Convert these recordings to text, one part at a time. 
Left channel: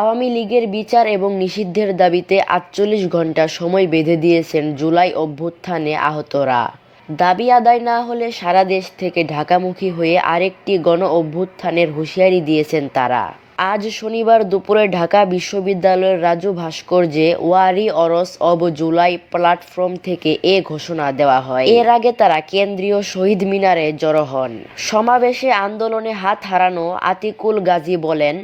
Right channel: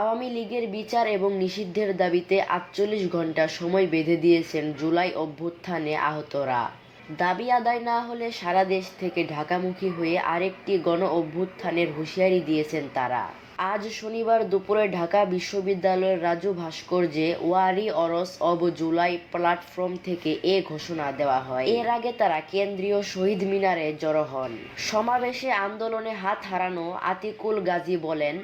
আওয়ামী লীগের বিচার এবং নিষিদ্ধের দাবিতে ৪৮ ঘণ্টা সময় বেঁধে দিয়েছেন জুলাই অভ্যুত্থানে আহতরা। দাবি আদায় না হলে সারা দেশ থেকে ঢাকামুখী হয়ে আরেকটি গণ অভ্যুত্থানের হুঁশিয়ারি দিয়েছেন তারা। আজ শনিবার দুপুরে ঢাকা বিশ্ববিদ্যালয়ের রাজু ভাস্কর্যে ওয়ারিয়র্স অব জুলাই প্ল্যাটফর্ম থেকে এ ঘোষণা দেওয়া হয়। এর আগে তারা কেন্দ্রীয় শহীদ মিনারে জড়ো হন। সমাবেশে আন্দোলনে হাত হারানো আতিকুল গাজী বলেন,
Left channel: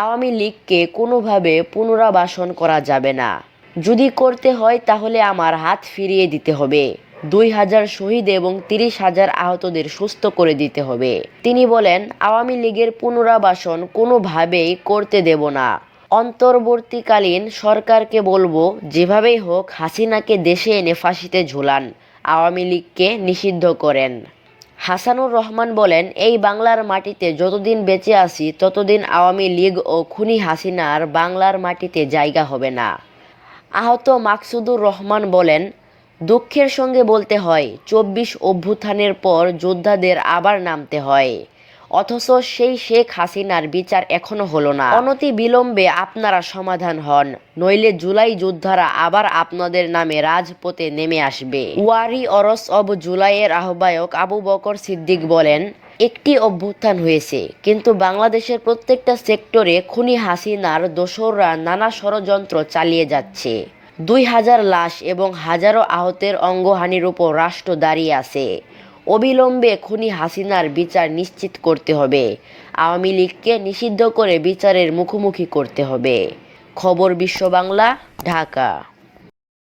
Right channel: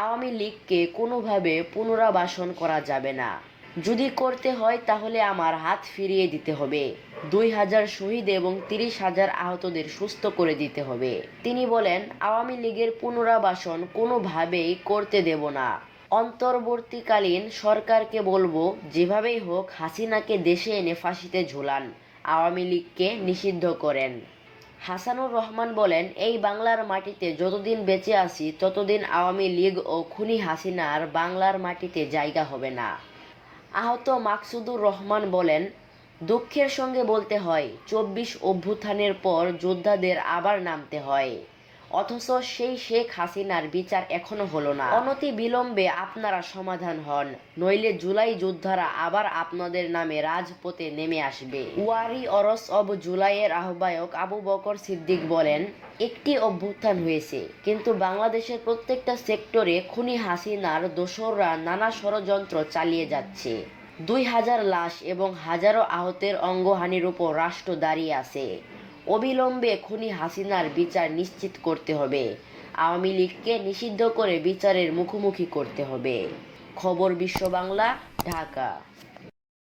আওয়ামী লীগকে কোনোভাবে পুনরাবাসন করা যাবে না। যদি করতে হয় তাহলে আমার হাত ফিরিয়ে দিতে হবে। ২,০০০ শহীদ এবং ৩০,০০০ আহতদের সুস্থ করে দিতে হবে। তিনি বলেন, আওয়ামী লীগের পুনরাবাসন কোনোভাবেই করতে দেব না। অন্তর্বর্তীকালীন সরকারকে বলবো, যেভাবেই হোক হাসিনাকে দেশে এনে ফাঁসিতে ঝুলান, আওয়ামী লীগকে নিষিদ্ধ করেন। হাসানুর রহমান বলেন, এই বাংলার মাটিতে যতদিন বেঁচে আছি ততদিন আওয়ামী লীগ ও খুনি হাসিনার বাংলার মাটিতে জায়গা হবে না। আহত মাকসুদুর রহমান বলেন, দুঃখের সঙ্গে বলতে হয় ২৪ অভ্যুত্থানের পর যোদ্ধাদের আবার নামতে হয়, অথচ সেই শেখ হাসিনার বিচার এখনো হলো না। অনতি বিলম্বে আপনারা সমাধান হন, নইলে জুলাই যোদ্ধারা আবার আপনাদের নামে রাজপথে নেমে আসবে। ওয়ারিয়র্স অব জুলাইয়ের আহ্বায়ক আবু বকর সিদ্দিক বলেন, একটি অভ্যুত্থান হয়েছে, কিন্তু বাংলাদেশের প্রত্যেকটা সেক্টরে খুনি হাসিনার দোসররা নানা ষড়যন্ত্র চালিয়ে যাচ্ছে। ২,০০০ লাশ এবং হাজারো আহতের অঙ্গহানির উপর রাষ্ট্র দাঁড়িয়ে আছে। অবিলম্বে খুনি হাসিনার বিচার নিশ্চিত করতে হবে। আওয়ামী লীগকে নিষিদ্ধ করে বিচারের মুখোমুখি করতে হবে। খবর বিশ্ব বাংলা, ঢাকা।